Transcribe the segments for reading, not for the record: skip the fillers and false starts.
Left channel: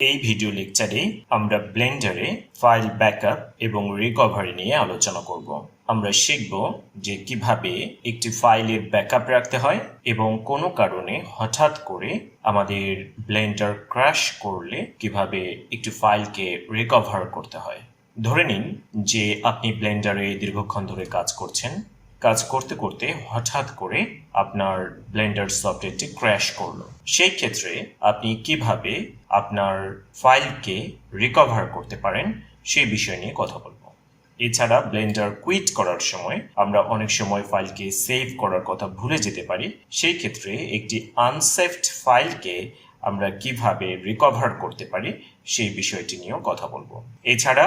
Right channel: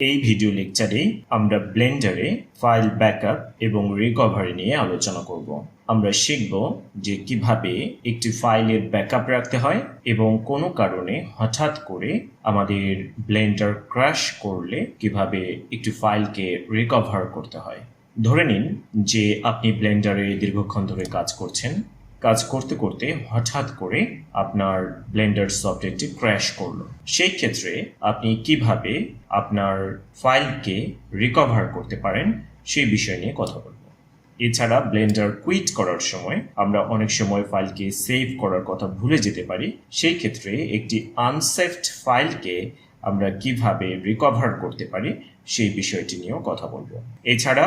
এই ভিডিও লেকচারে আমরা ব্লেন্ডারে ফাইল ব্যাকআপ এবং রিকভারি নিয়ে আলোচনা করব। আমরা শিখব যে কিভাবে একটি ফাইলের ব্যাকআপ রাখতে হয় এবং কোনো কারণে হঠাৎ করে আমাদের ব্লেন্ডার ক্র্যাশ করলে কিভাবে একটি ফাইলকে রিকভার করতে হয়। ধরে নিন যে আপনি ব্লেন্ডারে দীর্ঘক্ষণ ধরে কাজ করছেন, কাজ করতে করতে হঠাৎ করে আপনার ব্লেন্ডার সফটওয়্যারটি ক্র্যাশ করলো। সেই ক্ষেত্রে আপনি কিভাবে আপনার ফাইলকে রিকভার করতে পারেন সেই বিষয় নিয়ে কথা বলবো। এছাড়া ব্লেন্ডার কুইট করার সময় আমরা অনেক সময় ফাইলকে সেভ করার কথা ভুলে যেতে পারি। সেই ক্ষেত্রে একটি আনসেভড ফাইলকে আমরা কিভাবে রিকভার করতে পারি সেই বিষয়টি নিয়েও কথা বলবো। এছাড়া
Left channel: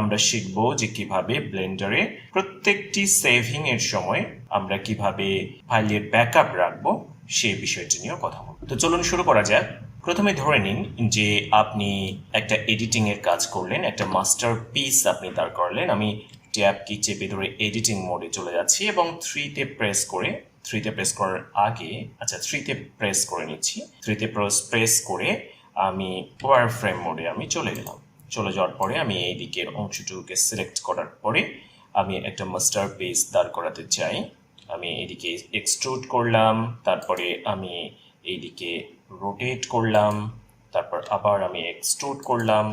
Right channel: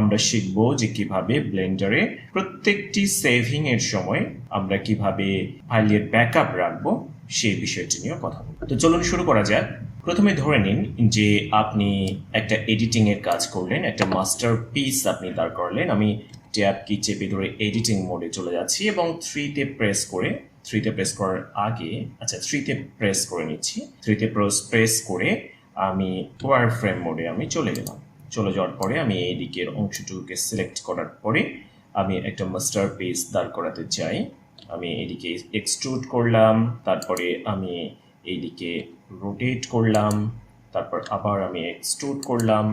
আমরা শিখব যে কিভাবে ব্লেন্ডারে প্রত্যেকটি সেভিং এর সময় আমরা কিভাবে ফাইলের ব্যাকআপ রাখবো সেই বিষয়টি নিয়েও কথা বলবো। তো চলুন শুরু করা যাক। প্রথমে ধরে নিন যে আপনি একটা এডিটিং এর কাজ করলেন, একটা মাস্টার পিস আপনি দাঁড় করলেন। আমি ট্যাব কি চেপে ধরে এডিটিং মোডে চলে যাচ্ছি এবং 3তে প্রেস করার আগে 3তে প্রেস করে নিচ্ছি। 3তে প্রেস করে আমি ওয়ার ফ্রেম মোডে আমি চলে গেলাম। চলে যাওয়ার পরে আমি এই দিকের অংশটুকুকে সিলেক্ট করার পরে আমি একটা মাস্টার পিস দাঁড় করাতে চাই। আমি এদিকে এক্সট্রুড করলাম, তারপরে আমি এইদিকে রোটেট করলাম, তারপর আবার আমি এক্সট্রুড করলাম,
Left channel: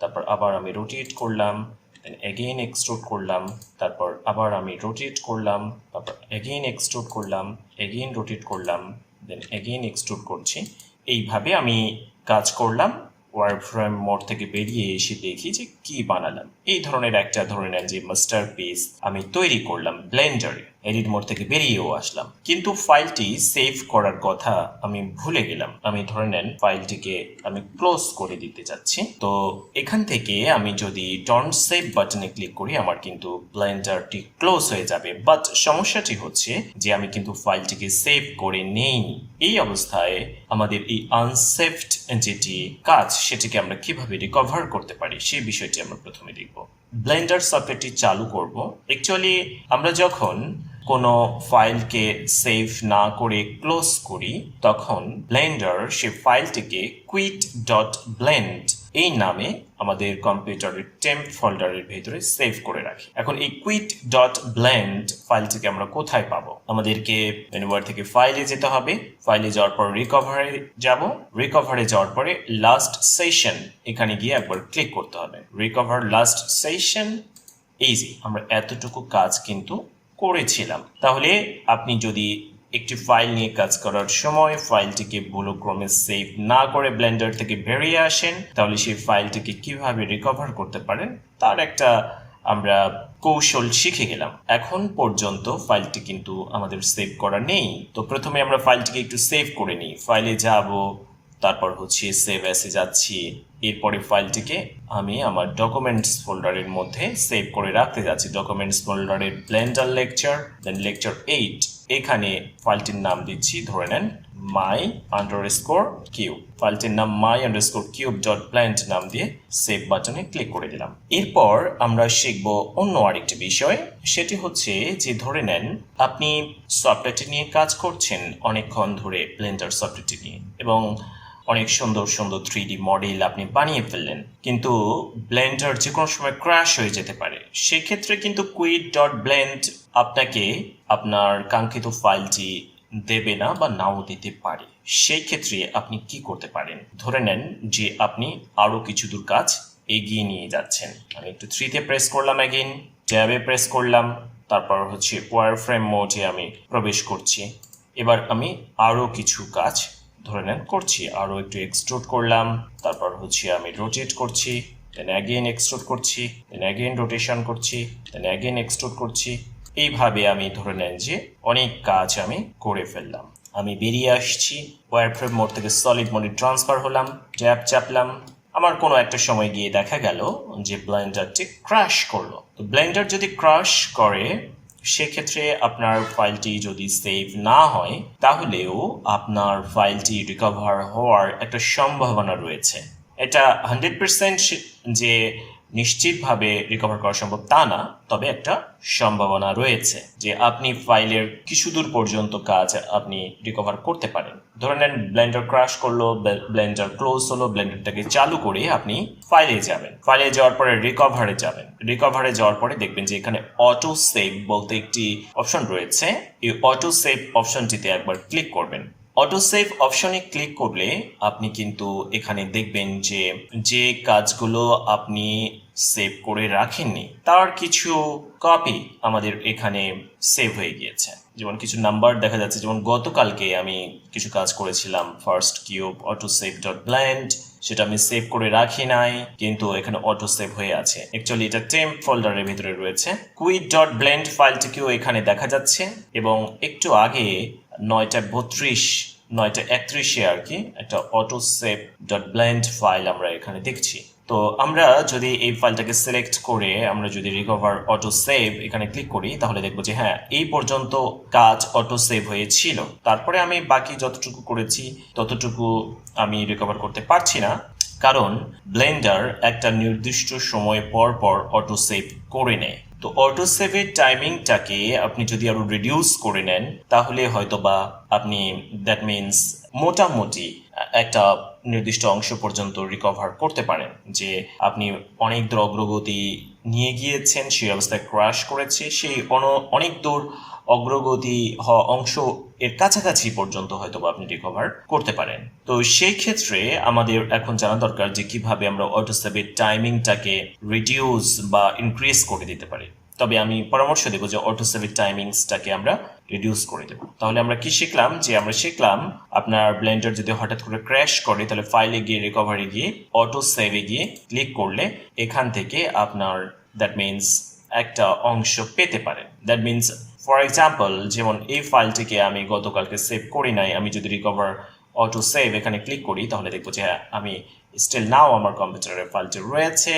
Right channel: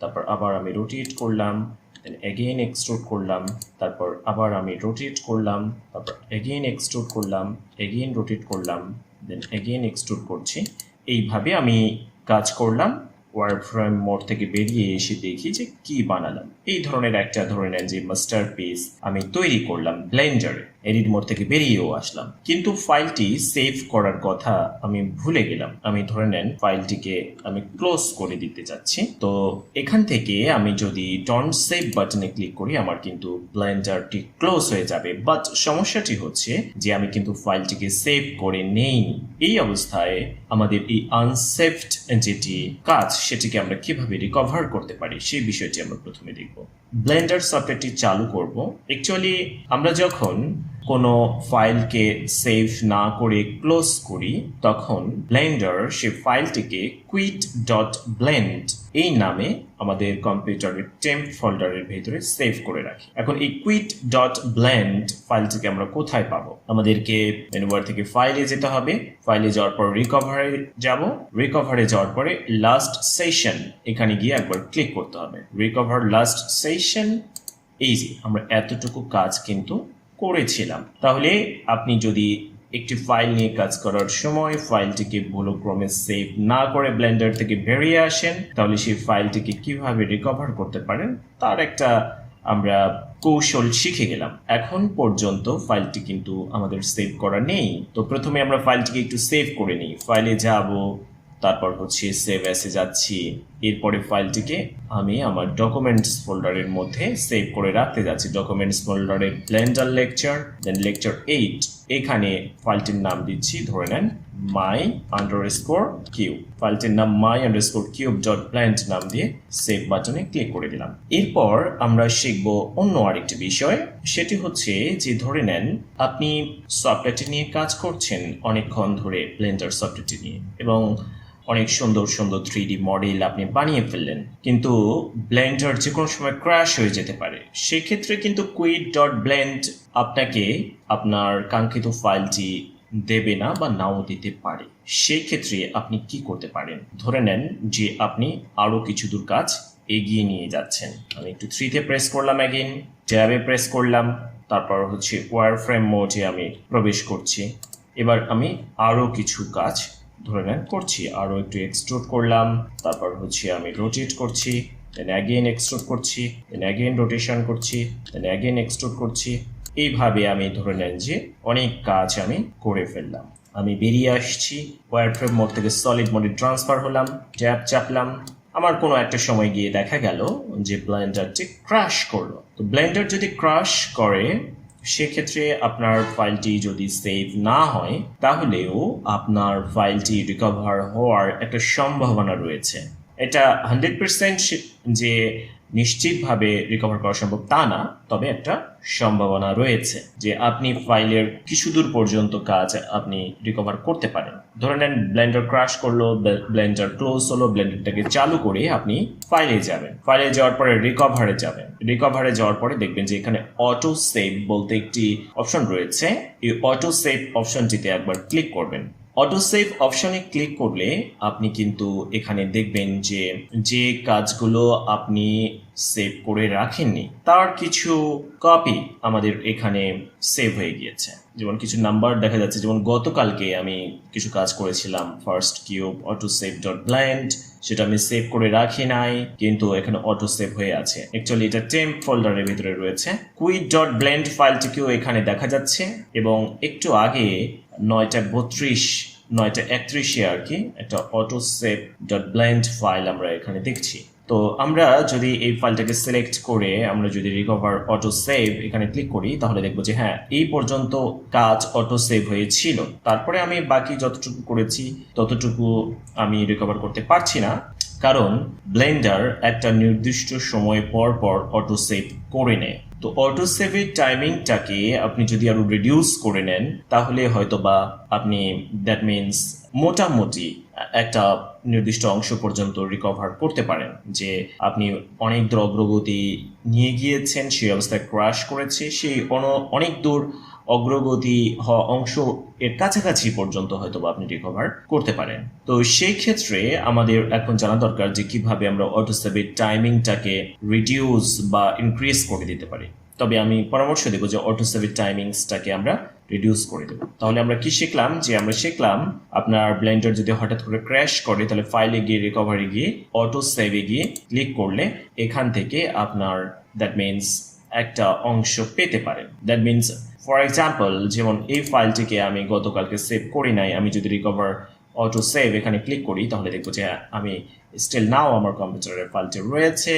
তারপর আবার আমি রোটেট করলাম, দেন এগেইন এক্সট্রুড করলাম, তারপর আবার আমি রোটেট করলাম, তারপর এগেইন এক্সট্রুড করলাম, এগেইন রোটেট করলাম, দেন এগেইন এক্সট্রুড করছি। এইভাবে আমি কাজ করলাম। ওয়ার্ড ফ্রেম মোড থেকে বেরিয়ে এসে দেখি যে কি বানালাম। এই ধরনের একটা ধরে নেন যে মাস্টার পিস আমি তৈরি করলাম ব্লেন্ডারে। এডিট মোড থেকে বেরিয়েও আসলাম, কিন্তু ফাইলটি সেভ করার কথা আমি ভুলে গেলাম। আমি ধরে নেন ফাইলটিকে আমি ক্লোজ করে দিতে চাচ্ছি। তো এখান থেকে আমি যদি ডন্ট সেভ বাটনে ক্লিক করি আমার কিন্তু ব্লেন্ডারটি ক্লোজ হয়ে যাবে। বাট সমস্যাটি হচ্ছে যে আমি কিন্তু ফাইলটিকে সেভ করে নেই। এই অবস্থায় আমাদের এই আনসেভড যেটি কাজ সেটিকে আমরা কিভাবে রিকভার করতে পারি সেই বিষয়টি আমরা প্রথমে দেখব। ব্লেন্ডার সফটওয়্যারটি চালু করব। অ্যাকচুয়ালি আমরা যখন কোনো ফাইলকে সেভ না করে ক্লোজ করি তখন ব্লেন্ডার সে ফাইলটিকে quit.blend এই নামে আমাদের কম্পিউটারের টেম্প ফোল্ডারের ভেতরে সেভ করে রাখি। এখন এই quit.blend ফাইলটিকে আমরা কোথায় পাবো? আমাদেরকে মেনু বার থেকে ফাইলে যেতে হবে। ফাইলে যাওয়ার পর রিকভারে যাওয়ার পরে লাস্ট সেশন এখানে গিয়ে একবার ক্লিক করতে হবে। Recover last session, easy. আমরা এতটুকু কাজ কিন্তু করেছিলাম। তাহলে আপনি যদি একটি ফাইল নিয়ে কাজ করার সময় ফাইলটিকে ভুলক্রমে সেভ না করে ব্লেন্ডার থেকে বেরিয়ে আসেন, তাহলে সেই ফাইলটিকে কিভাবে রিকভার করতে পারেন তার একটা আমরা কৌশল শিখে গেলাম। এখন পর্যন্ত ফাইলটি কিন্তু আমাদের সেভ করা নেই। তো প্রথমে আমরা ফাইলটিকে একটু সেভ করে নিই। ফাইলে যাব, তারপর সেভ এসে যাচ্ছি। এরপরে ফাইলটিকে আমি আমার ডকুমেন্টস ফোল্ডারের মধ্যে সেভ করে রাখতে যাচ্ছি। ডকুমেন্টস ফোল্ডারের ব্লেন্ডার লেকচার, দেন লেকচার 8। এখানে ফাইলটির নাম দিচ্ছি ধরে নেন my_cube। ফাইলটির নাম my_cube.blend নাম দিয়ে সেভ বাটনে ক্লিক করে দিলাম। এরপর আমরা শিখব অন্য আরেকটি বিষয়। সেটি হচ্ছে যে ধরে নেন আপনি সফটওয়্যারটি নিয়ে কাজ করছেন অনেকক্ষণ ধরে, ব্লেন্ডার সফটওয়্যারটি নিয়ে, এবং অনেক সুন্দর সুন্দর 3D মডেল আপনি বানিয়ে ফেললেন, কিন্তু ব্লেন্ডার যে কোনো সময় ক্র্যাশ হয়ে যেতে পারে। সেক্ষেত্রে কিন্তু quit.blend আপনাকে আপনার কাঙ্ক্ষিত ফাইলটি দেবে না বা নাও দিতে পারে। সেই ক্ষেত্রে আপনি কি করতে পারেন? ধরে নেন যে আপনি আরো কিছু দূর কাজ এগিয়ে নিয়ে যাচ্ছেন। আমি একটু 3তে প্রেস করলাম, এগেইন ট্যাবে প্রেস করলাম, তারপর ওয়ার ফ্রেম মোডে আমি প্রবেশ করছি। এবার আমি আরো কিছু কাজ ধরে নেন করছি। আরো একটু এক্সট্রুড করলাম, তারপর আমি রোটেট করছি, দেন অ্যাগেইন এক্সট্রুড করছি, দেন অ্যাগেইন রোটেশন করছি, দেন অ্যাগেইন এক্সট্রুড করছি। এইভাবে আমি ধরে নেন যে অনেক কাজ আমি করে ফেললাম। আমি বেরিয়ে আসছি, ওয়্যারফ্রেম মোড থেকে সলিড মোডে ট্রান্সফার হলাম, ট্যাব চাপলাম। আমার কোনো একটা সময় গিয়ে দেখা গেল যে ব্লেন্ডারটি ক্র্যাশ করলো। তো ব্লেন্ডার যদি ক্র্যাশ করে সেক্ষেত্রে আপনার ফাইলটি যদি সেভ না হয় তাহলেও আপনার ফাইলটি রিকভার হওয়ার একটা সম্ভাবনা রয়েছে। এটা 100% যে নিশ্চিতভাবে রিকভার করা সম্ভব তা না, তবে একটা সম্ভাবনা রয়েছে যে আপনি ফাইলের কিছু দূর পর্যন্ত কাজ আপনি রিকভার করতে পারেন। ধরে নেন ব্লেন্ডার ক্র্যাশ করলো, ব্লেন্ডার ক্লোজ হলো, ব্লেন্ডারটাকে চালু করে আপনি ফাইলে যাবেন, ফাইলে যাওয়ার পরে রিকভারে যাবেন, রিকভারে যাওয়ার পরে দেখবেন যে এখানে অটো সেভ বলতে একটি অপশন রয়েছে। এই অটো সেভ অপশনটিতে একবার ক্লিক করবেন। অটো সেভ অপশনে ক্লিক করলে আপনি কিন্তু এখানে দেখবেন যে যে কাজগুলো আপনি সেভ করে রাখেননি তার কিছু কপি আমাদের এখানে সেভ হয়ে গিয়েছে। যেমন কিছু নাম্বার দেখা যাচ্ছে, যেমন গতকালকে আমি কিছু কাজ করেছিলাম, ফার্স্ট কিউব autosave.blend, সেটা আমি সেভ করে রাখি নাই, কিন্তু এখানে অটো সেভ হয়ে আছে। অ্যাকচুয়ালি এটা টেম্প ফোল্ডারের ভিতরে রয়েছে। quit.blend ফাইলটিকেও এখানে দেখা যাচ্ছে, এবং একটু আগে 9:32 9:31 আর কি একটা autosave.blend ফাইল আমরা এখানে দেখছি। তো আমরা যদি এই ফাইলটাকে সিলেক্ট করে আমরা যদি রিকভার অটো সেভ এখানে ক্লিক করি, তাহলে দেখবো যে হ্যাঁ, এই পর্যন্ত কাজ অটো সেভ হয়েছিল। তারপরে আমি বাকি যতটুকু করেছি ততটুকু আমি রিকভার করতে পারছি না, কারণ ব্লেন্ডার একটা নির্দিষ্ট সময় পর পর অটো সেভ করে নেয়। তো অটো সেভের টাইমিংটাকে আপনি যদি আরো রিডিউস করে নেন, তাহলে হয়তোবা আপনি দ্যাট মিনস মোটামুটি একটা নির্দিষ্ট অংশ পর্যন্ত রিকভার করতে পারেন। যে আপনি অনেক দূর অগ্রগতি নিয়ে গিয়েছেন, সেই অবস্থায় ক্র্যাশ করেছে, সেই অনেক দূর অগ্রগতি হওয়া অংশ এর কাছাকাছি পর্যন্ত হয়তো আপনি রিকভার করতে পারেন। তো সেই ক্ষেত্রে আমাদের এখন জানা দরকার যে কিভাবে আমরা অটোসেভের টাইমিংটাকে রিডিউস বা ইনক্রিজ করে দিতে পারি। তবে আমি পরামর্শ দেবো যে অটোসেভের টাইমিংসটাকে আমরা রিডিউস করে দেবো। তাহলে আমরা কি শিখলাম? যে আমরা শিখলাম আপনার ব্লেন্ডার যদি হঠাৎ করে ক্র্যাশ করে, তাহলে ফাইলে গিয়ে রিকভারি গিয়ে অটো সেভে গিয়ে ক্লিক করলে এখান থেকে আপনার দ্যাট মিনস একটা অংশ পেতে পারেন। দ্যাট মিনস ফর এক্সাম্পল, যেমন এই ফাইলটিকে আমি গতকালকে সেভ করি নাই, আমি যদি রিকভার অটো সেভ এখানে ক্লিক করি, তাহলে দেখবো যে আমি স্টিল নাও আমার কম্পিউটারের ফাইলটি রয়েছে,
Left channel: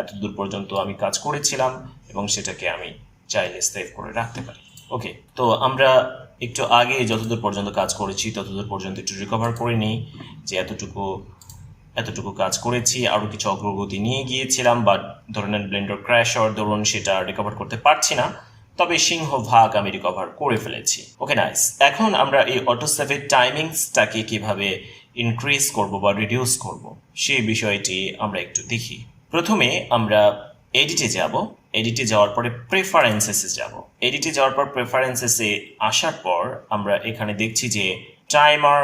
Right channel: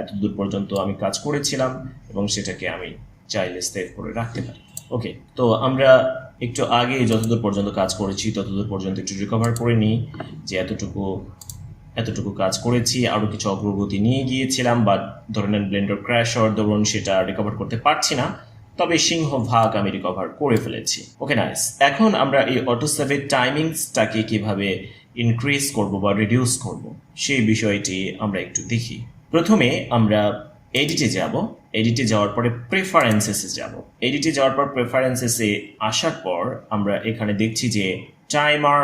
এত দূর পর্যন্ত আমি কাজ করেছিলাম, এবং সেটাকে আমি চাইলে সেভ করে রাখতে পারি। ওকে, তো আমরা একটু আগে যতদূর পর্যন্ত কাজ করেছি ততদূর পর্যন্ত একটু রিকভার করে নিই, যে এতটুকু কাজ করেছি, আরও কিছু অগ্রগতি নিয়ে গিয়েছিলাম, বা ধরে নেন ব্লেন্ডার ক্র্যাশ হওয়ার দরুন সেটা রিকভার করতে পারছি না, তবে সিংহভাগ আমি রিকভার করে ফেলেছি। ওকে, নাইস। এখন আমরা এই অটোসেভের টাইমিংসটাকে কিভাবে ইনক্রিজ করব বা রিডিউস করব, সেই বিষয়টি আমরা একটু দেখি। প্রথমে আমরা এডিটে যাব, এডিটে যাওয়ার পরে প্রেফারেন্সেসে যাব। এডিটে যাওয়ার পর প্রেফারেন্সেসে আসার পর আমরা এখানে দেখছি যে timer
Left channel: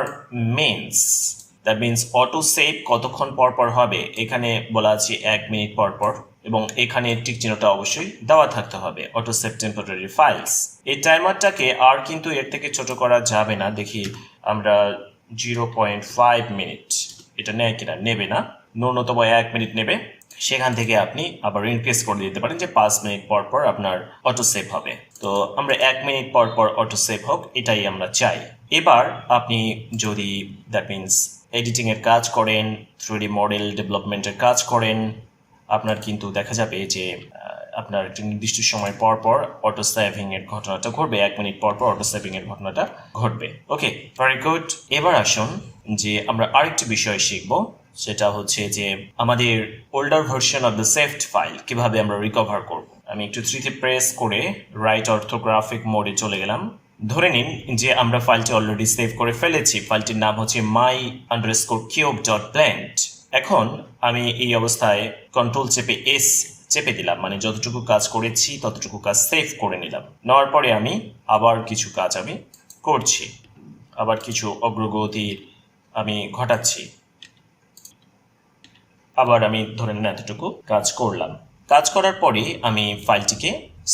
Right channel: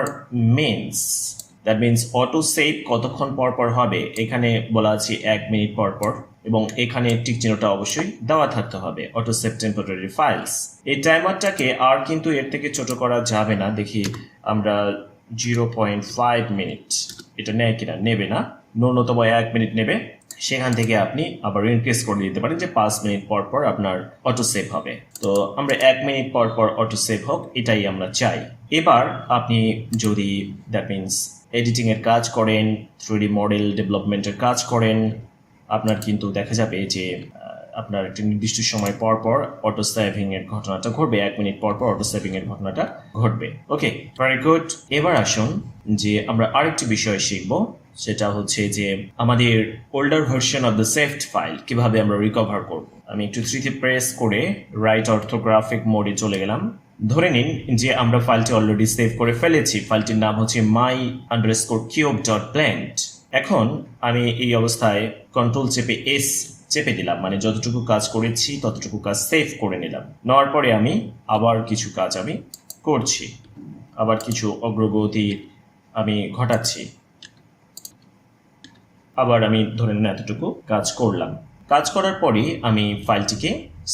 means, that means auto save কতক্ষণ পর পর হবে, এখানে বলা আছে 1 মিনিট পর পর, এবং এখানে টিক চিহ্নটা অবশ্যই দেওয়া থাকতে হবে, অটো সেভ টেম্পোরারি ফাইলস। এই টাইমারটাকে আর কিন্তু এর থেকে ছোট করা যাবে না। দেখি আমরা 0.5 মিনিট, এটা নেয় কিনা, নেবে না, ন্যূনতম 1 মিনিট নেবে। সেখান থেকে আপনি আবার ইনক্রিজ করে দিতে পারেন যে 5 মিনিট পর পর আপনার অটো সেভ হবে। তো আমরা 1 মিনিট পর পর অটো সেভ হোক, এটাই আমরা চাই। এবার আপনি যদি দ্যাট মিনস এডিটিং এর কাজ করেন, 3D মডেল ডেভেলপমেন্টের কাজ করেন, আপনার কিন্তু দেখা যাবে যে আপনার একটা নির্দিষ্ট সময় পর পর অটো সেভিং এর ঘটনাটা ঘটবে, 1 মিনিট পর পর অটো সেভিং এর ঘটনাটা ঘটবে। ওকে, ভেরি গুড। এবার আসুন যে আমরা আরেকটি বিষয় শিখবো, সেটা হচ্ছে যে আমাদের older version of the saved file কিভাবে আমরা রিকভার করব। আমি একটু 3 তে প্রেস করে রাইট অর্থোগ্রাফিক মোডে চলে গেলাম। ধরে নিন যে আমরা ফাইলটি অলরেডি সেভ করে ফেলেছি, ফাইলটির নাম হচ্ছে my_cube.blend। এখন আমি এই অবস্থায় কন্ট্রোল চেপে এস চেপে দিলাম, মানে যতটুকু কাজ করেছি ততটুকু কাজ সেভ করে নিলাম। নেওয়ার পরে আমি আবার কিছু কাজ আমি করছি, আবার কিছু অগ্রগতি আমি ঘটাচ্ছি, আবার আমি ধরে নিন এতটুকু কাজ করলাম। কাজ করার পরে আমি ফাইলটিকে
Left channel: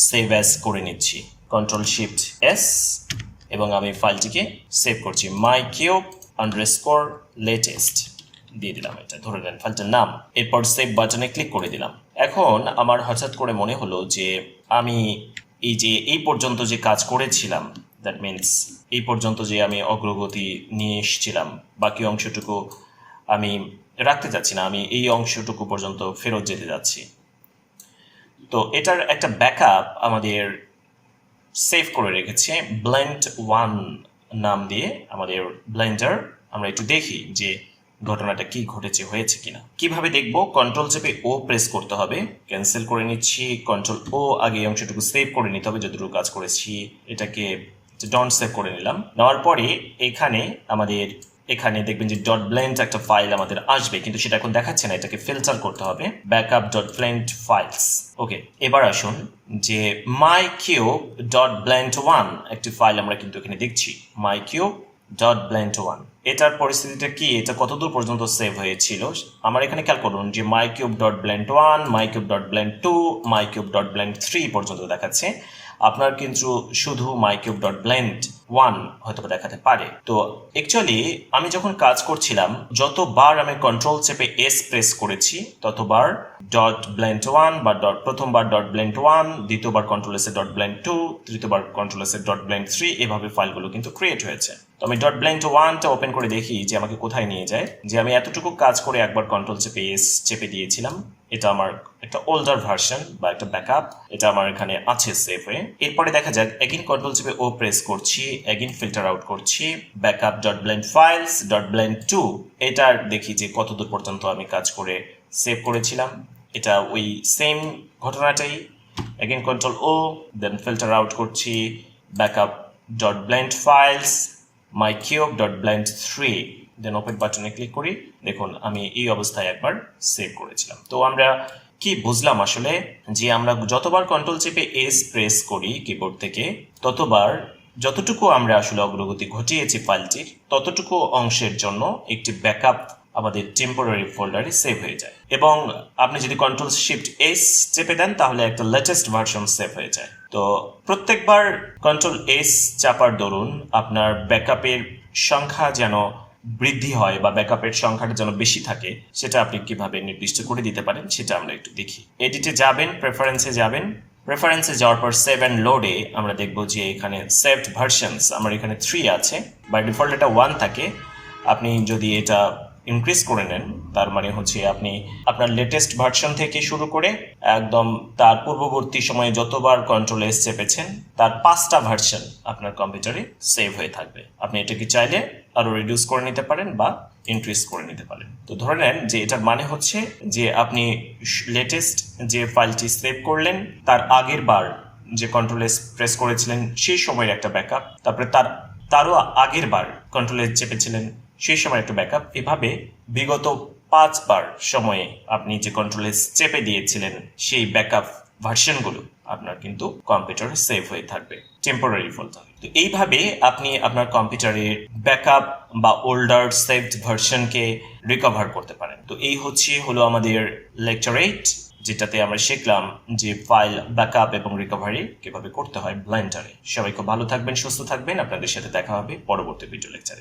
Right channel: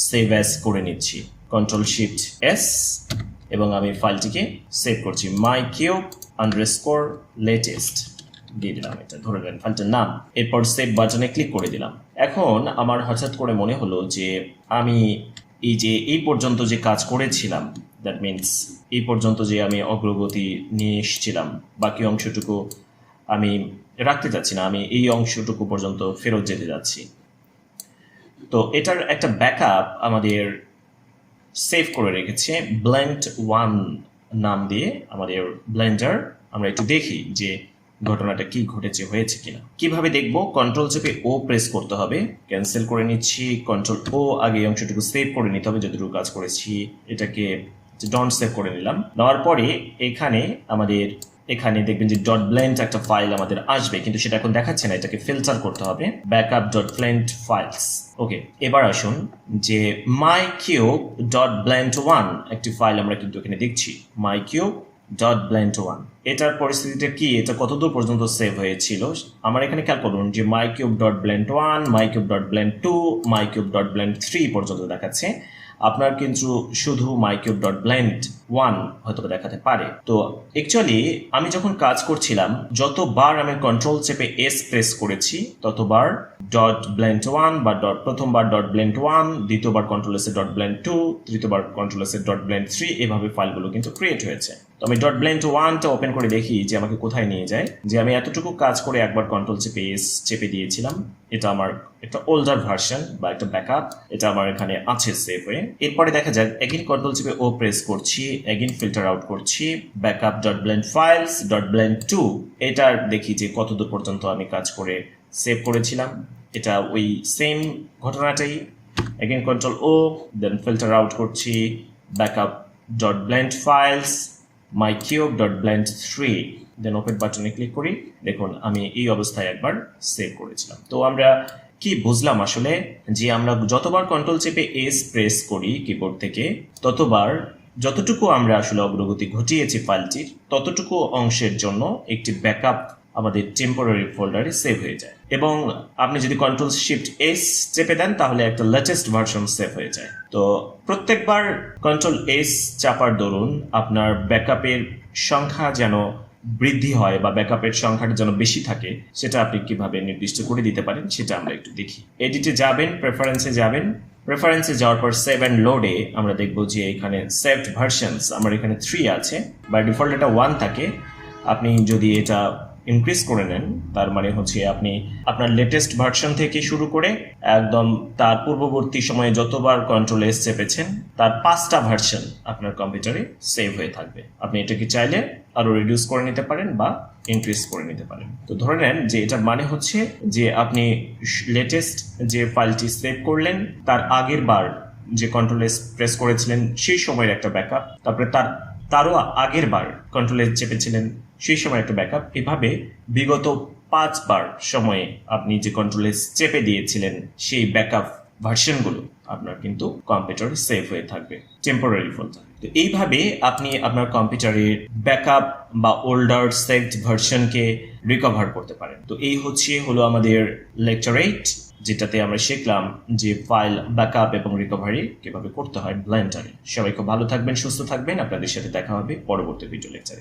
সেভ অ্যাজ করে নিচ্ছি, কন্ট্রোল শিফট এস, এবং আমি ফাইলটিকে সেভ করছি my_cube_latest দিয়ে দিলাম, এটা ধরে নেন ফাইলটার নাম। এরপর সেভ বাটনে ক্লিক করে দিলাম। এখন আমার হঠাৎ করে মনে হলো যে আমি এই পর্যন্ত যে কাজ করেছিলাম, দ্যাট মিনস এই পর্যন্ত যে আমি অগ্রগতি নিয়ে এসেছিলাম, বাকি অংশটুকু আমি রাখতে যাচ্ছি না, আমি এই অংশটুকু পর্যন্ত ফেরত যেতে যাচ্ছি। তো এটার একটা ব্যাকআপ আমাদের সেভ করে রেখেছে blend1 নাম দিয়ে আমাদের ব্লেন্ডার। আমরা একটু দেখি যে ঘটনাটা কি ঘটেছে, হয়েছে কিনা। কিভাবে দেখবো? কন্ট্রোল চেপে ও প্রেস করতে হবে, ক্যান্সেল করে নিচ্ছি, কন্ট্রোল ও আগে অংশটুকু সেভ করে নিতে হবে, যতটুকু কাজ করেছি এটাকে ডন্ট সেভ করে নিলাম। নেওয়ার পরে এখানে দেখবেন যে ডট ব্লেন্ড একটা ফাইল আমাদের আসবে, কিন্তু সেটা এখন দেখাচ্ছে না, এটাকে ফিল্টার করতে হবে, ব্যাকআপ ডট ব্লেন্ড ফাইলস। ওকে, এবার আসুন যে মাই কিউব ডট ব্লেন্ড 1 একটি ফাইল আমরা কিন্তু এখানে দেখছি, মাই কিউব ডট ব্লেন্ড 1। এটার পরিস্থিতিটা কি, এটা কতদূর পর্যন্ত সেভ হয়েছিল আমার এখানে খেয়াল করুন যে মাই কিউব ডট ব্লেন্ড 1, মাই কিউব ডট ব্লেন্ড 2, মাই কিউব ডট ব্লেন্ড 3 পর্যন্ত দেখাচ্ছে। আপনার কিন্তু শুধু মাই কিউব ডট ব্লেন্ড 1 হয়তো দেখাতে পারে। তো অ্যাকচুয়ালি আমি যখন কাজ করছিলাম, যতবার আমি কন্ট্রোল চেপে এস প্রেস করেছি ততবার ডট ব্লেন্ড 1 বা প্রথমবার ডট ব্লেন্ড 1, দ্বিতীয়বার কন্ট্রোল এস ডট ব্লেন্ড 2, তৃতীয়বার কন্ট্রোল এস ডট ব্লেন্ড 3, এভাবে ফাইলগুলো কিন্তু ক্রিয়েট হয়েছে। তো আমি ডট ব্লেন্ড 1টা ওপেন করে দেখি যে আমাকে কোথায় নিয়ে যায়। যে আমি এতটুকু কাজ করে একবার কন্ট্রোল চেপে এস চেপে দিয়েছিলাম, এটা আমার একটা ওল্ডার ভার্সন বা একটা ব্যাকআপ, এটা আমার এখানে আছে সেভ হয়ে। এরপরে দেখা যাক, এগেইন কন্ট্রোল চেপে ও প্রেস করছি, এগেইন ফিল্টার আউট করছি, backup dot blend files dot blend 2, এটার দেখি যে কতদূর পর্যন্ত আমি কাজ করে সেভ করেছিলাম। এটা ওই সেম ঘটনাটাই, again control O, then filter out করছি, backup dot blend files my cube dot blend 3, then open বাটনে ক্লিক করি। দেখুন আমি এই অবস্থায় একবার সেভ করেছিলাম। তো আমরা কি বুঝলাম আসলে, যে আমরা যতবার কন্ট্রোল চেপে এস প্রেস করি কিবোর্ড থেকে, ততবার যতটুকু আমরা আসলে অগ্রগতি ঘটিয়েছি ফাইলটির, ততটুকু অংশের জন্য একটি ব্যাকআপ আমাদের টেম্পোরারি ফোল্ডারে সেভ হয়ে যায়। এবং আপনি যদি কন্ট্রোল শিফট এস চেপে দেন তাহলে একটা লেটেস্ট ভার্সন সেভ হয়ে যায়। তো প্রত্যেকবার কন্ট্রোল এস চাপার দরুন আপনার ব্যাকআপের সংখ্যা যেন বৃদ্ধি হয় বা ব্যাকআপের সংখ্যাটা যেন বেশি থাকে, সেটা আপনি কিভাবে নির্দিষ্ট করে দিতে পারেন সেটা আমরা একটু দেখি। এডিটে যাবেন, প্রেফারেন্সে যাবেন, প্রেফারেন্সে যাওয়ার পর সেভ অ্যান্ড লোডে আমরা দেখব যে এখানে সেভড ভার্সনস আমার এখানে 3 আছে, বাই ডিফল্ট এটা 1 থাকে। আপনি যদি এটা ইনক্রিজ করে নেন, তার মানে হচ্ছে আপনি আপনার লেটেস্ট ভার্সন থেকে শুরু করে একদম তার পূর্ববর্তী সময়ে যতবার কন্ট্রোল এস চেপেছেন তার 5টা ভার্সন আপনার কম্পিউটারে সেভ হয়ে থাকবে। আপনি এটাকে চাইলে আরো রিডিউস করে নিতে পারেন বা ইনক্রিজ করে নিতে পারেন। তো ধরে নেন যে এটার মানে হচ্ছে যে আপনি লেটেস্ট যে ফাইলটি সেভ করলেন তার আগের বার যে কন্ট্রোল এস প্রেস করেছিলেন সেই সময়ের একটা ব্যাকআপ, তারপরে তারও আগের বার কন্ট্রোল এস চেপেছিলেন সেই সময় একটা ব্যাকআপ, এভাবে বিগত 5 বার সময়ে আপনি যে কন্ট্রোল এস চেপে দিয়েছিলেন সেই ব্যাকআপ ভার্সনগুলো আপনার কিন্তু কম্পিউটারে সেভ হয়ে থাকবে টেম্পোরারি ফোল্ডারে। তো এইভাবে আপনি আপনার কম্পিউটারের ব্যাকআপ বা ওল্ডার সেভড ভার্সনকে রিকভার করতে পারেন। তো এই হলো আমাদের লেকচার 8, যেটাতে আমরা শিখলাম যে ফাইল ব্যাকআপ এবং রিকভারি কিভাবে করতে হয় ব্লেন্ডারে। সবাই খুব ভালো থাকবেন, সুস্থ থাকবেন। আপনাদের সাথে দেখা হবে পরবর্তী ভিডিও লেকচারে।